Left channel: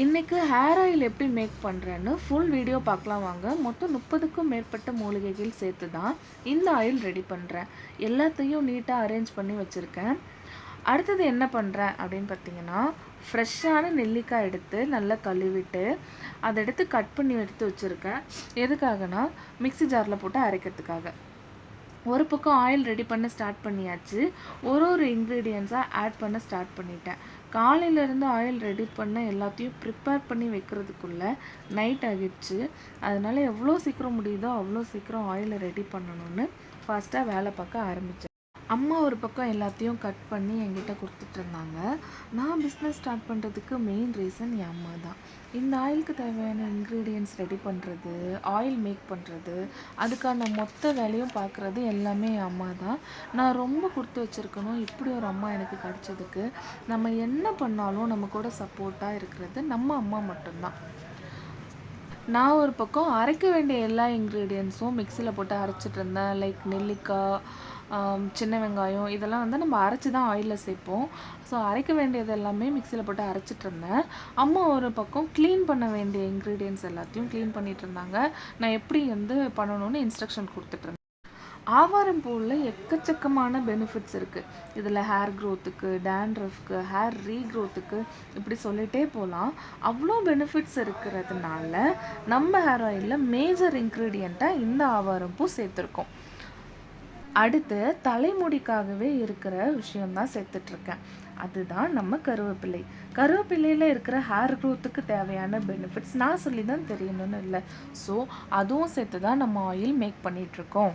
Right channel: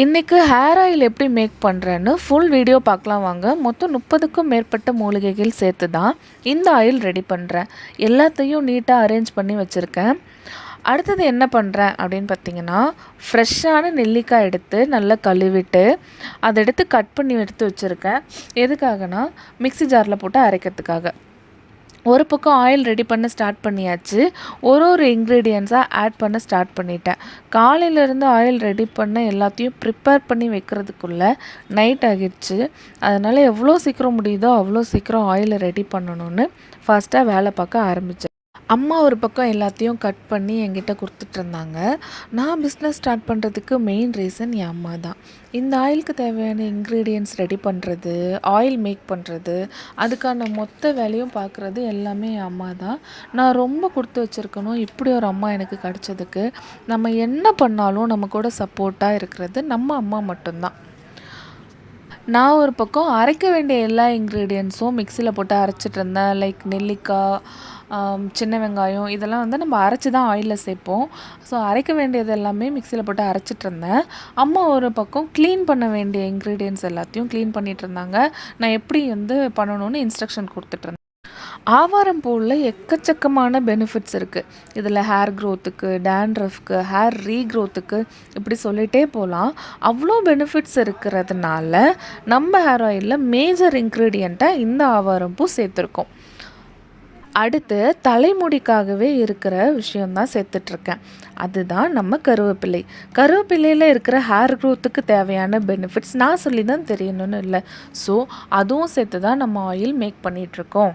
இன்றைக்கு hair oil எப்படி make பண்ணுறேன்னு ஃபுல் வீடியோ பார்க்கலாம் வாங்க. மொத்தம் 30க்கும் மேற்பட்ட மூலிகைகள் சேர்த்து தான் இந்த ஆயில் ரெடி பண்ணுறேன். எல்லாத்தையும் நீட்டாக அரேஞ்ச் பண்ணி வச்சுருக்கேன். அடுத்தது என்ன பண்ணுறேன் அப்படின்னு பார்த்தீங்கன்னா, ஃப்ரெஷ்ஷான நெல்லிக்காய் எடுத்து நல்லா கழுவிட்டு அதை எடுத்து கட் பண்ணி எடுத்து வச்சுருக்கேன். எதுக்காகனா மிக்ஸி ஜாரில் போட்டு அரைக்கிறதுக்காக. ஒரு பக்கம் ஆயில் ரெடி பண்ண ஸ்டார்ட் பண்ணியாச்சு. ஒரு இன்க்ரீடியன்ஸாக ஆட் பண்ண ஸ்டார்ட் பண்ணிட்டேன். காலையிலேருந்து ஆயில் ரெடி பண்ண எல்லாத்தையும் ப்ரிப்பேர் பண்ணி வைக்கிறதுக்குள்ளே நைட் ஆகிடுச்சு. அதனால் எவ்வளோ சீக்கிரம் முடியுதோ அவ்வளோ சீக்கிரம் ஆயிலை ரெடி பண்ணணும்னு ஃபாஸ்ட்டாக வேலை பார்க்க ஆரம்பித்தேன். அம்மா ஒரு பக்கம் எல்லாத்தையும் கட் பண்ணி என்கிட்ட கொடுத்துட்ருந்தாங்க. நான் பிஸ்னஸ் ஸ்டார்ட் பண்ணுறதுக்கு மெயின் ரீசன் என் அம்மா தான். இந்த ஆயிலுக்கு தேவையான இன்க்ரீடியன்ட்ஸ் ரெடி பண்ணுறது, ஆயில் மேக் பண்ணுறது, அதுக்கான மொத்த வேலையும் பார்க்குறது எல்லாமே என் அம்மா தான். நான் ரொம்ப கொடுத்து வச்சுருக்கணும் இப்படி ஒரு அம்மா எனக்கு கிடச்சதுக்கு. நம்ம என்ன பண்ணாலும் நம்ம கூட சப்போர்ட்டாக இருக்கிறது நம்ம அம்மா மட்டும்தான். நான் ஒரு பக்கம் அரைக்க வேண்டிய எல்லா இன்க்ரீடியன்ட்ஸும் மிக்சியில் போட்டு அரைச்சிட்டு இருந்தேன். லைக் நெல்லிக்காய், சின்ன வெங்காயம் இதெல்லாம் வந்து நம்ம அரைச்சி தான் ஆயிலில் சேர்ப்போம். ஸோ அரைக்க வேண்டியது எல்லாமே மிக்சியில் போட்டு அரைச்சிட்ருந்தேன். அம்மா ஒரு பக்கம் க்ளீன் பண்ண வேண்டிய இன்க்ரீடியன்ட்ஸ் எல்லாத்தையும் க்ளீன் பண்ணிகிட்ருந்தாங்க. நான் எப்படி வந்து பண்ணணும்னு இன்ஸ்ட்ரக்ஷன் கொடுத்துட்ருந்தேன். ஆவாரம் பூவில் எக்கச்சக்கமான பெனிஃபிட்ஸ் இருக்குது. இதில் ஹேர் க்ரோத்துக்கு, டேண்ட்ரஃப்க்கு, ஹேர் ரீக்ரோத்துக்கு இப்படி சொல்லிகிட்டே போகலாம். அவ்வளோ பெனிஃபிட்ஸ் இருக்கிறதுனால நம்ம ஹேர் ஆயிலில் மேஜர் இன்க்ரீடியண்ட்டாக இந்த ஆவாரம் பூ சேர்த்துருக்கோம். அடுத்து தலைமுடிக்காகவே இருக்கிற விஷயந்தான் சேர்த்துட்ருக்கேன். அதுதான் நம்ம கருவேப்பிலை. கருவேப்பிலையில் இருக்கிற ஹேர் க்ரோத்துக்கு தேவையான பெனிஃபிட்ஸ் நான் சொல்லி தான் தெரியணும்னு இல்லை. ஸோ அதுவும் சேர்த்து தான் நம்ம ஆயில் மேக் பண்ணிகிட்ருக்கோம்.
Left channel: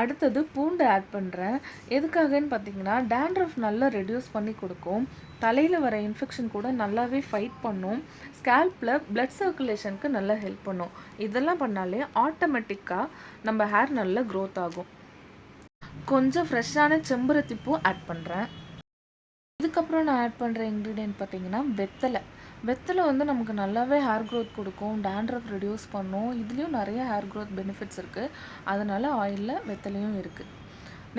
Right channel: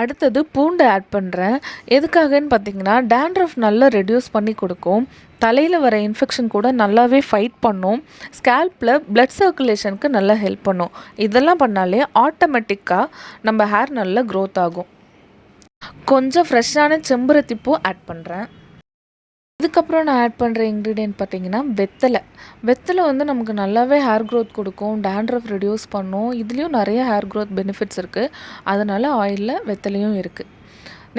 அடுத்தது பூண்டு ஆட் பண்ணுறேன். எதுக்காகன்னு பார்த்தீங்கன்னா, டேண்ட்ரஃப் நல்லா ரெடியூஸ் பண்ணி கொடுக்கும். தலையில் வர இன்ஃபெக்ஷன் கூட நல்லாவே ஃபைட் பண்ணும். ஸ்கேல்பில் பிளட் சர்க்குலேஷனுக்கு நல்லா ஹெல்ப் பண்ணும். இதெல்லாம் பண்ணாலே ஆட்டோமேட்டிக்காக நம்ம ஹேர் நல்லா க்ரோத் ஆகும். கொஞ்சம் ஃப்ரெஷ்ஷான செம்பருத்தி பூ ஆட் பண்ணுறேன். இதுக்கப்புறம் நான் ஆட் பண்ணுற இன்க்ரீடியன்ட் பார்த்திங்கன்னா வெத்தலை வந்து நமக்கு நல்லாவே ஹேர் க்ரோத் கொடுக்கும், டேண்ட்ரஃப் ரெடியூஸ் பண்ணும். இதுலேயும் நிறைய ஹேர் க்ரோத் பெனிஃபிட்ஸ் இருக்குது. அதனால் ஆயிலில் வெத்தலையும் இருக்குது.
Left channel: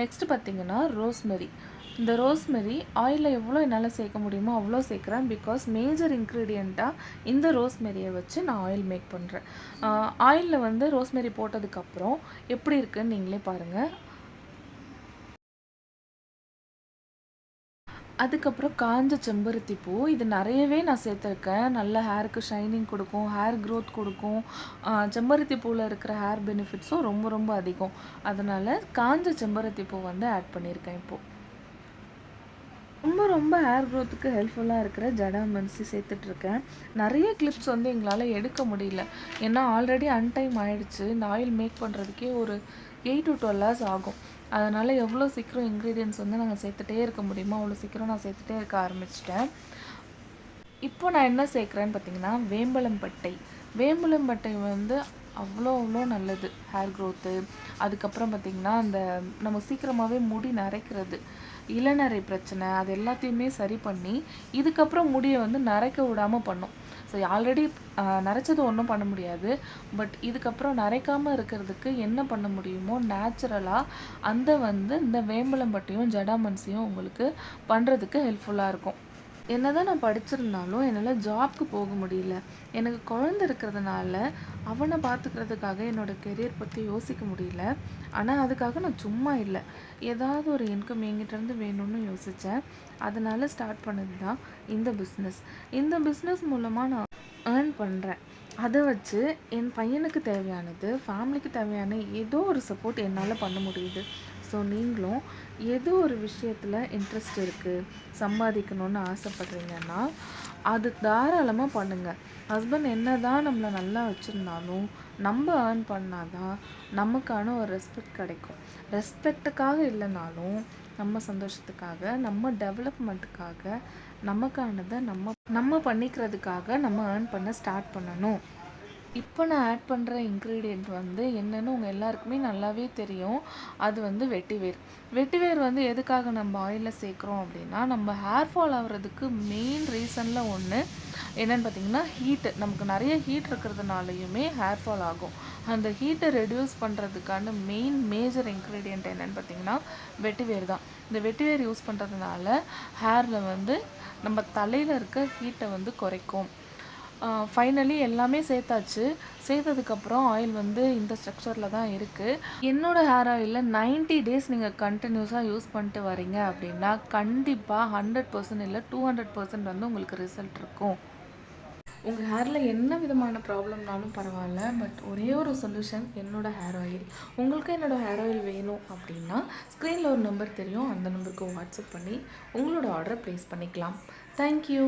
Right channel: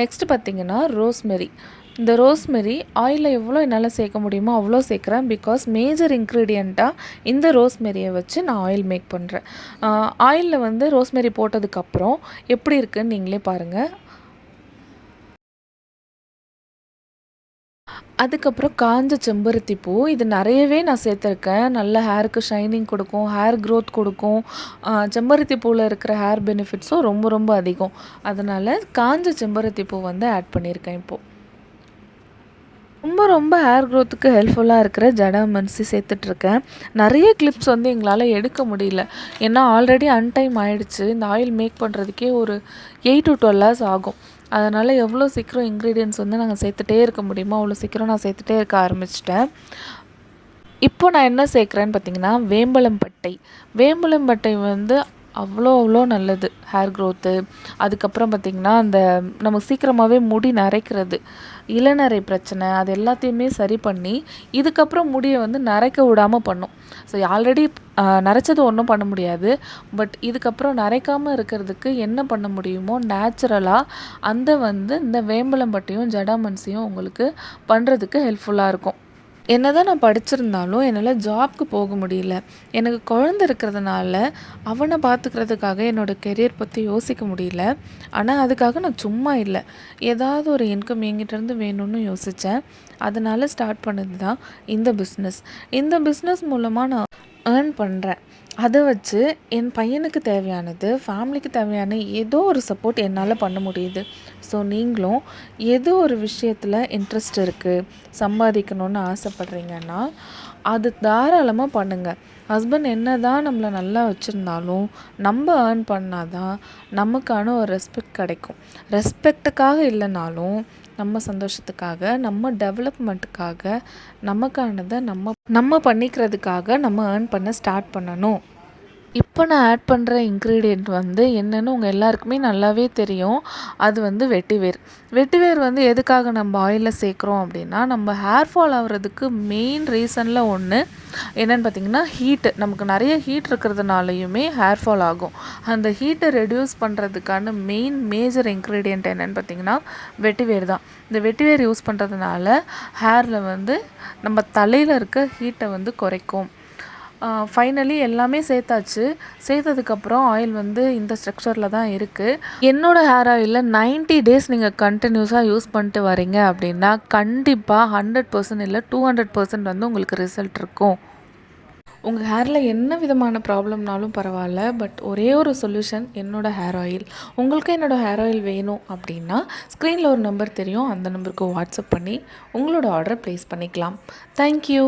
நெக்ஸ்ட்டு பார்த்திங்கன்னா ரோஸ்மெரி. இந்த ரோஸ்மெரி ஆயிலில் எவ்வளோ என்னால் சேர்க்க முடியுமோ அவ்வளோ சேர்க்குறேன். பிகாஸ் மேஜர் இன்க்ரீடியண்ட்டாக இந்த ரோஸ்மெரியை வச்சு நான் ஆயில் மேக் பண்ணுறேன். ஆயிலில் வந்து ரோஸ்மெரி போட்டதுக்கப்புறம் எப்படி இருக்குதுன்னு நீங்களே பாருங்கள். அதுக்கப்புறம் காஞ்ச செம்பருத்தி பூ. இது நிறையவே நான் சேர்த்துருக்கேன். நல்ல ஹேருக்கு ஷைனிங் கொடுக்கும், ஹேர் க்ரோத் கொடுக்கும். செம்பருத்தி பூவில் இருக்கிற ஹேர் பெனிஃபிட்ஸும் ரொம்ப ரொம்ப அதிகம். அதனால் காஞ்ச செம்பருத்தி பூ வந்து ஆட் பண்ணியிருக்கேன் இப்போது. ரொம்ப ரொம்ப ஹேர் க்ரோத்துக்கு ஹெல்ப்ஃபுல்லாக இருக்கிற ஜடாமன்சி சேர்த்துட்ருக்கேன். நிறைய கிளிப்ஸ் வந்து எங்களால் எடுக்க முடியல. ஏன்னா ஆல்ரெடி அன்டைம் ஆகிடுச்சு. இந்த ஆயில் மேக் பண்ணுறதுக்கே ஒரு 8 to 12 hours ஆகும். அதனால் எவ்வளோ சீக்கிரம் இன்க்ரீடியன்ட்ஸ் வந்து நாங்கள் சேர்த்துட்டே இருக்க முடியுமோ அவ்வளோ சீக்கிரம் நான் சேர்த்துட்டே இருக்க ஆரம்பிச்சிட்டேன். இப்போ நான் என்ன சேர்க்குறேன்னு பார்த்தீங்கன்னா, வேம்பலம்பட்டை வந்து அவ்வளோ நல்லது ஹேர் க்ரோத்து. அதுக்கப்புறம் பார்த்திங்கன்னா, அந்த நமக்கு சீக்கிரமாகவே முடி நரைக்கிறது, இளநரை பிரச்சனை அது எல்லாத்தையுமே சரி பண்ணி இதுக்கப்புறம் முடியை வந்து நரைக்க விடாமல் பண்ணும். ஸோ ஆல்ரெடி நரைச்சது ஒன்றும் பண்ண முடியாது. பட் இதுக்கப்புறம் நரைக்காமல் இருக்கிறதுக்கு என்ன பண்ண முடியுமோ நேச்சுரலாக இந்த வேம்பலம்பட்டையும் ஜடாமன்சியும் உங்களுக்கு பண்ணுறதுக்கு ஹெல்ப்ஃபுல்லாக இருக்கும். என்ன தான் நான் படிச்சிருந்தாலும் என்னால் ஜாப்க்கு போக முடியல. எனக்கு குழந்த இருக்கிறதுனால அவனை பார்த்துக்கிறதுக்காக என்னோடய கெரியர் பற்றி யோசிக்க முடியல. ஆனால் அதுக்காக நான் சும்மா இல்லை, ஏதாவது ஒரு இன்கம் என்கிட்டேருந்து வேணும்னு யோசித்தேன். அதனால் ஸ்டார்ட் பண்ணது தான் இந்த பிஸ்னஸ். இந்த பிஸ்னஸ் மூலமாக நான் ஏர்ன் பண்ணுறேன். அதை வச்சு என் பையனுக்கு தேவையானது, ஃபேமிலிக்கு தேவையான ஏதோ ஒரு சப்போர்ட் என்னால் பண்ண முடியுது. ஸோ நீங்களும் ஏதோ ஒரு விஷயத்தில் இன்ட்ரெஸ்ட் இருக்குது, சம்பாதிக்கணுன்னு ஆசைப்பட்றீங்கன்னா அது தாராளமாக பண்ணுங்கள். ஹஸ்பண்ட் என்ன தான் நம்மளை நல்லா வச்சுருந்தாலும் நம்ம ஏர்ன் பண்ணால் தான் நமக்கான ஒரு ரெஸ்பெக்ட் கிடைக்கும். ரெஸ்பெக்டுக்காக இல்லைனாலும் நம்ம சந்தோஷத்துக்காக, நம்ம டெவலப்மெண்ட்டுக்காக, நமக்கானதை நம்ம பண்ணிக்கிறதுக்காக நம்ம ஏர்ன் பண்ண ஸ்டார்ட் பண்ணணும். இப்போ நான் ஆட் பண்ணுற இன்க்ரீடியண்ட் வந்து என்னென்னு உங்கள் எல்லாருக்குமே நல்லாவே தெரியும். அது வந்து வெட்டிவேர் வந்து எதுக்காக நம்ம ஆயிலில் சேர்க்குறோம் அப்படின்னா, நம்ம ஹேர் ஃபால் ஆகிறதுக்கு மெயின் ரீசனில் ஒன்று என்னென்னு பார்த்திங்கன்னா ஹீட்டு. நமக்கு நிறைய ஹீட் இருக்கிறதுனாலையுமே ஹேர் ஃபால் ஆகும். அந்த ஹீட்டை ரெடியூஸ் பண்ணுறதுக்கான மேஜர் இன்க்ரீடியண்ட் என்னென்னு பார்த்திங்கன்னா வெட்டிவேர் தான். இந்த வெட்டிவேர் யூஸ் பண்ணுறதுனால ஹேரில் வந்து நம்ம தலையில் இருக்க ஹீட்டை வந்து குறைக்கும். ஃபைனலி எல்லாமே சேர்த்தாச்சு. சேர்த்ததுக்கப்புறம் ஆயில் வந்து இந்த ஸ்ட்ரக்சரில் தான் இருக்குது. என்னோடய ஹேர் ஆயிலில் 90 டேஸ் நீங்கள் கண்டினியூஸாக யூஸ் பண்ணிட்டு வரீங்க அப்படின்னா கண்டிப்பாக 100% இல்லை 200% வந்து உங்களுக்கு ரிசல்ட் இருக்கும். உங்கள் ஹேரில் என்ன விதமான ப்ராப்ளம்னாலும் பரவாயில்ல, பட் ஒரே ஒரு சொல்யூஷன் என்னோடய ஹேர் ஆயில். உங்களுக்கு என்னோடய ஹேர் ஆயில் வேணும் அப்படின்னா ஸ்க்ரீனில் ஒரு நம்பர் தெரியும், அந்த நம்பருக்கு வாட்ஸ்அப் பண்ணி உங்களோட ஆர்டரை ப்ளேஸ் பண்ணிக்கலாம். தேங்க்யூ.